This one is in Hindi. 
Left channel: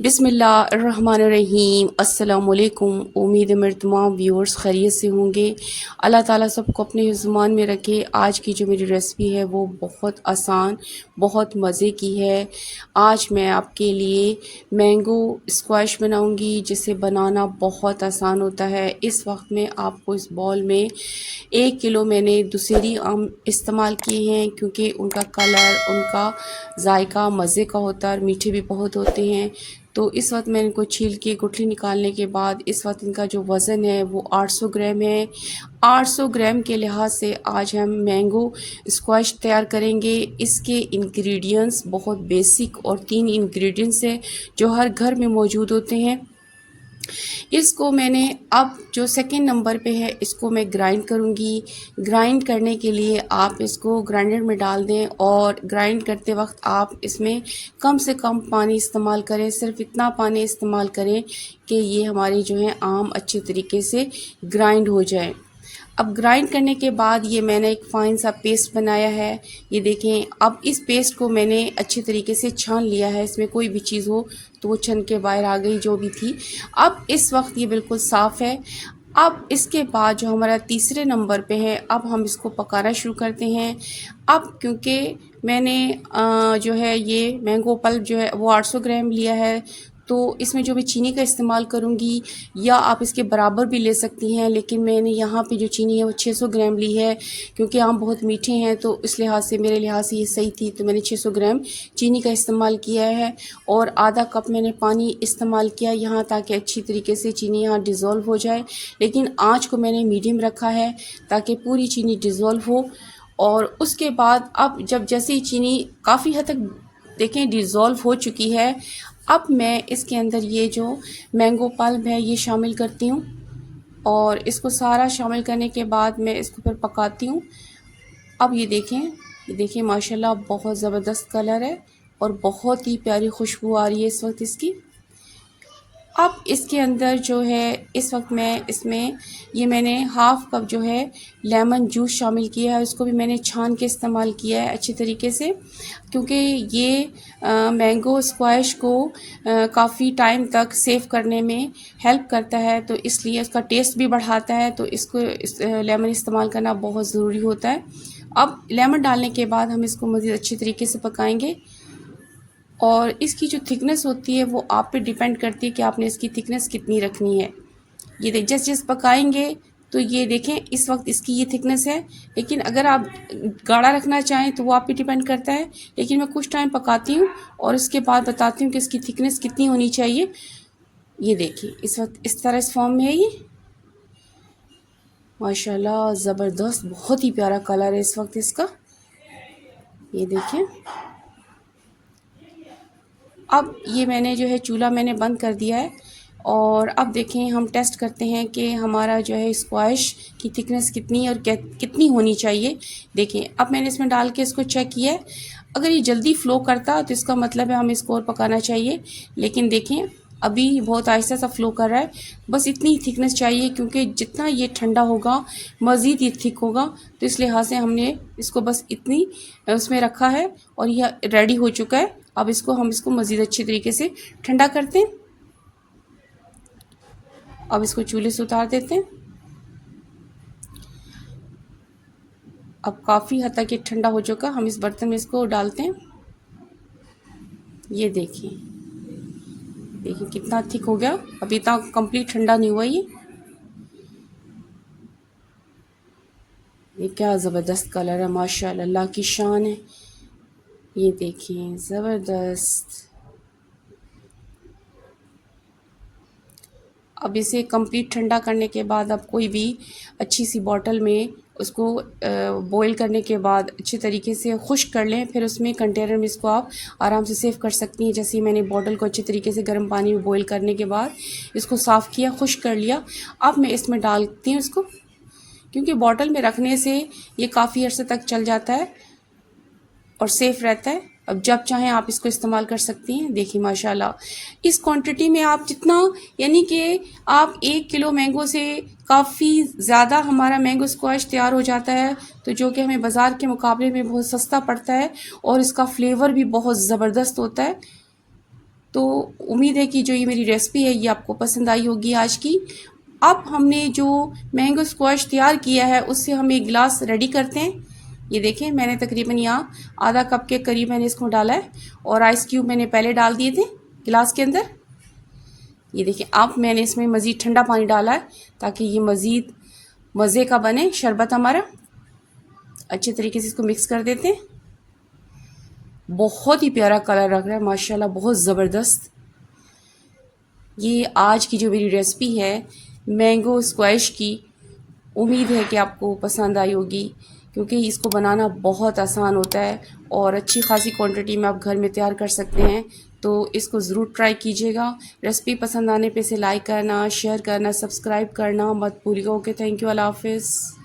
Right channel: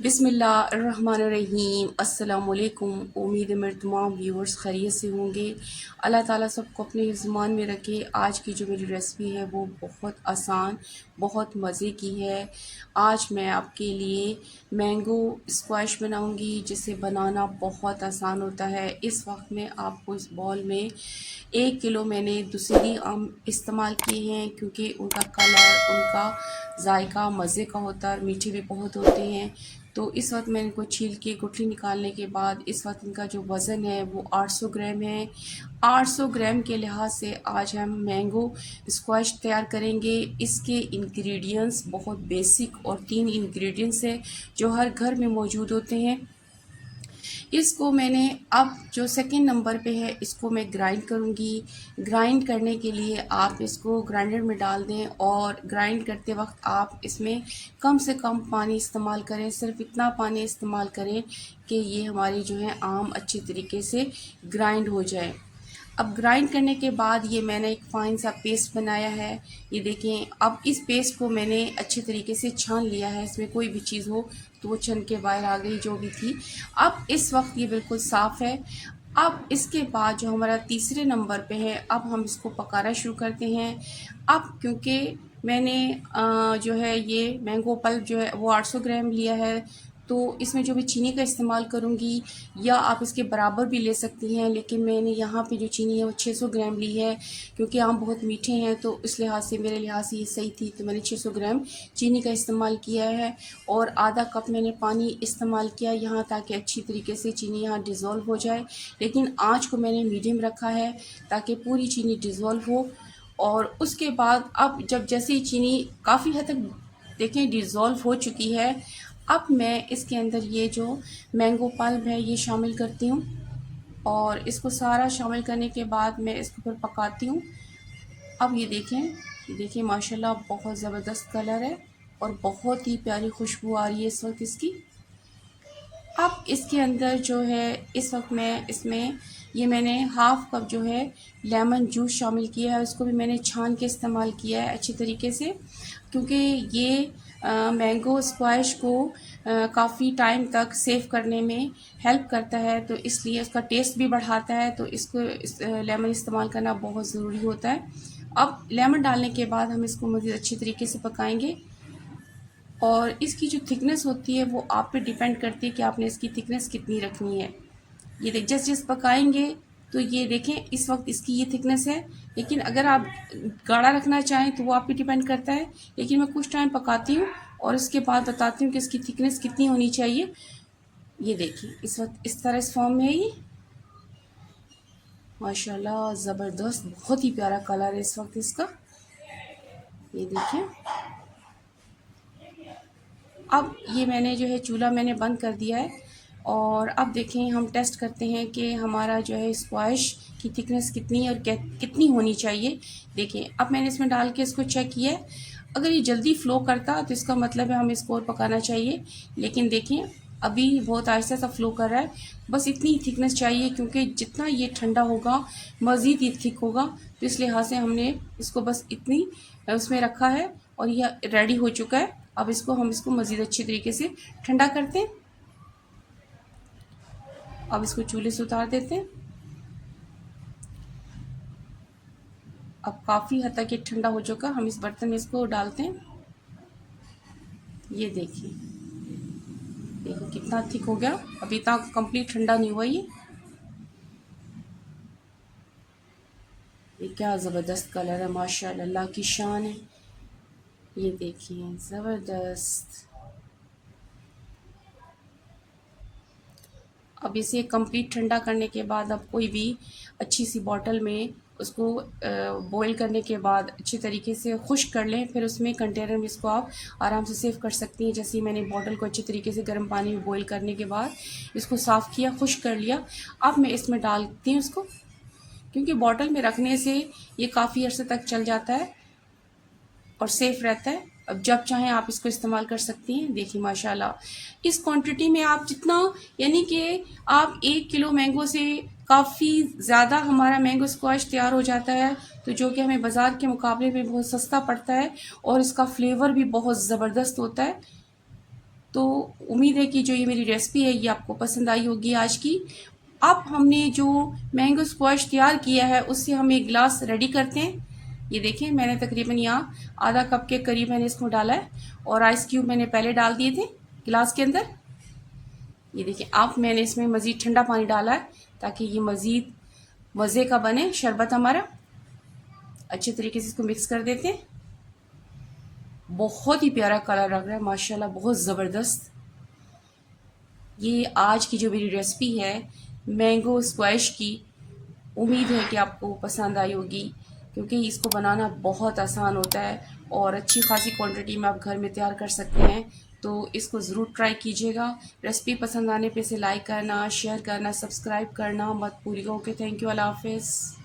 बिस्मिल्लाहिर्रहमानिर्रहीम। अस्सलामुअलैकुम। उम्मीद है मेरे तमाम व्यूअर्स खैरियत से होंगे। अल्लाह ताला सबको अपने ज़ुबान में रखे। आज की जो मेरी रेसिपी है वो बहुत आसान, बहुत मज़े की है। आज मैं आपके लिए मैंगो स्क्वैश बनाऊंगी, जिसे बनाना बहुत आसान होता है। इस वक्त में आपको इस बॉल में 1 किलो मैंने दूसरी आम इस्तेमाल किए हैं, क्योंकि उनका कलर, उनका जायका मज़े का होता है और मीठे भी बहुत होते हैं। तो इस वक्त मैंने इनको छील के गुठली निकालने के बाद इस वक्त इनका जो वज़न है वो 800 ग्राम है। 800 ग्राम के लिहाज से आज हम मैंगो स्क्वैश तैयार करेंगे। इसके इंग्रेडिएंट्स बहुत बेसिक और 3 इंग्रेडिएंट्स हैं जो हर घर में मौजूद होते हैं। इसको मैंने अब जो सेकंड नंबर पे है इसको मैं ग्राइंड करूँगी। ग्राइंड करने के लिए आप इसको ग्राइंडर में डाल दें और ग्राइंड करते वक्त आप इसमें कम से कम पानी इस्तेमाल करें। सिर्फ इतना पानी इस्तेमाल करें कि ये हमारी जो है आम अच्छी तरीके से ग्राइंड हो जाए। अब ग्राइंड करने के बाद ये मैंने एक फ़ाइन सा पेस्ट बनाया है। ये देखें, अब इस पेस्ट को मैंने अच्छी तरीके से छान लिया है। इसमें कोई भी चीज़ हो तो वो छन के बाहर आ गई जो भी थी। अब इस वक्त ये बिल्कुल साफ़ है। अब इसके बाद जो हमारा तीसरे नंबर पे है, अब हम इसको पकाना शुरू करते हैं। अब क्योंकि मैंने जो है ये मैंगो पल्प जो है वो 800 ग्राम लिया है, तो इसमें जो मैं चीनी का इस्तेमाल करूँगी, या आप इसके बराबर भी ले सकती हैं, लेकिन मैंने यहाँ पे जो चीनी है वो 600 ग्राम ली है। क्योंकि आम बहुत मीठे हैं तो इस लिहाज से, मेरे लिहाज से ये सही थी, तो मैंने 600 ग्राम चीनी का इस्तेमाल किया है। और आधा कप मैंने पानी इस्तेमाल किया यहाँ, ताकि अच्छी तरीके से चीनी यहाँ डिज़ोल्व हो जाए। लेकिन आँच को मैंने मीडियम रखा है ताकि पूरी चीनी डिज़ोल्व हो। और उसके बाद अब जब जैसे ही चीनी काफ़ी हद तक देखें डिज़ोल्व हो चुकी है, अब मैं इसके अंदर ये जो मैंगो पल्प है ये शामिल करती हूँ। और इसको सारा शामिल करने के बाद मैं इसको फिर पकाती हूँ। अब ये देखें माशाल्लाह बहुत ज़बरदस्त कलर है और बहुत ही प्यारी खुशबू आ रही है इस वक्त इसकी। अब इसके अंदर जो है इस वक्त मैं इसमें ये मैंने हाफ़ कप जो है लेमन जूस शामिल किया है। उसको भी मैंने छान के इस्तेमाल किया है अच्छी तरीके से, क्योंकि ये मैंगो स्क्वैश को काफ़ी टाइम तक सेव करने में हेल्प करता है, तो इसलिए उसका टेस्ट भी बढ़ाता है। तो इसको लेमन इस्तेमाल करना बहुत ज़रूरी होता है। अब लेमन डालने के बाद हम इसको मज़ीद अच्छी तरीके से पकाएंगे। और इसकी जो थिकनेस होती है वो आप पे डिपेंड करती है कि आपने इसकी थिकनेस कितनी रखनी है। ये देख, जैसे जैसे पकाएंगे तो ये देखें इस वक्त इसकी ये थिकनेस है, लेकिन अगर आप गाढ़ा रखना चाहें तो वो आप पे डिपेंड करता है। लेकिन मैं कुछ टाइम पकाती हूँ और उसके बाद बताती हूँ कि इसकी थिकनेस कितनी होनी चाहिए। ये देखिए इस वक्त इस तरह इस फॉर्म में है ये। माशाल्लाह ज़बरदस्त, बहुत ही प्यारा कलर है इस वक्त इसका। ये देखें, अब ये मैंने जो है चूल्हा मैंने बंद कर दिया है। और अब देखें हम टेस्ट करते हैं कि हमारा जो है स्क्वैश की थिकनेस कितनी है और कितनी होनी चाहिए। देखें, अब मैंने इसमें डाल के इसको चेक किया है। अगर ये जल्दी फ़्लो करता तो इसका मतलब है हमें इसको और पकाना चाहिए। लेकिन देखें अभी बहुत आहिस्ता सा फ़्लो कर रहा है। बस इतनी ही थिकनेस चाहिए, क्योंकि जितना ये ठंडा होगा मज़ीद ये थिक होगा। तो इस लिहाज से हमने इसको बस इतनी उसमें रखा है और यह रेडी हो चुका है। अब हम इसको मज़ीद अच्छी तरीके से ठंडा करते हैं। अब इसको चूल्हे से उतार देते हैं। अब काफ़ी हद तक ये ठंडा हो चुका, हम इस बर्तन में इसको डालते हैं। ये देखिए, देखिए कितना थिक हो गया। अभी तक कंप्लीट ठंडा नहीं हुआ ये क्या ज़बरदस्त कलर है, माशाल्लाह, अल्लाह की शान है। ये देखिए ज़बरदस्त। अब इसे कंप्लीट ठंडा करने के बाद अब कोई भी अच्छी सी बॉटल में उसको बॉईल करने के बाद अच्छे तरीके से खुश्क कर लें। फिर उसमें कंटेनर में इसको आप आराम से सेव कर सकती हैं। जैसे मैंने बॉटल को अच्छे तरीके से गर्म पानी में बॉईल करने के बाद इसको साफ़ किया, खुश्क कर लिया। अब मैं इसमें डालती हूँ इसको, क्योंकि बॉटल में रखने से ये काफ़ी अर्से तक चल जाता है और सेफ़ रहता है। अब जब चाहें आप इसको इस्तेमाल कर सकती हैं। देखिए माशाल्लाह इस क्वांटिटी में आप जितना, यानी कि आप 1 किलो मैंगो से काफ़ी ज़्यादा हमारा मैंगो स्क्वैश तैयार हो जाता है, तो जो कि हमें बाज़ार के मुकाबले में बहुत सस्ता पड़ता है और इसका फ्लेवर भी बहुत ज़बरदस्त होता है। तो उम्मीद है कि जो ये मेरी रेसिपी है ये आपको पसंद आई होगी आज की। अब हमने जो मैंगो स्क्वैश तैयार किया है उससे हम एक गिलास रेडी करते हैं। ये देखिए मैंने तकरीबन यहाँ आधा कप के करीब मैंने इसको डाला है और आइस क्यूब मैंने पहले डाल दिए थे गिलास के अंदर। ये देखिए अब मैंने इसमें मज़ीद ठंडा पानी डाला है ताकि ये मज़ीद मज़े का बने शरबत हमारा। अच्छे तरीके से इसको मिक्स कर देते हैं। बहुत ही प्यारा कलर लग रहा है माशाल्लाह, बहुत ज़बरदस्त। ये आज की जो मेरी रेसिपी है मैंगो स्क्वैश की, उम्मीद है कि आपको पसंद आई होगी क्योंकि इसको बनाना बहुत आसान होता है और अच्छी खासी क्वांटिटी में आप घर में तैयार कर सकते हैं। तो इसको ज़रूर ट्राई कीजिएगा। रेसिपी पसंद आने पे इसे लाइक करना, शेयर करना, सब्सक्राइब करना मत भूलिएगा। ओके, थैंक यू, अल्लाह हाफिज़।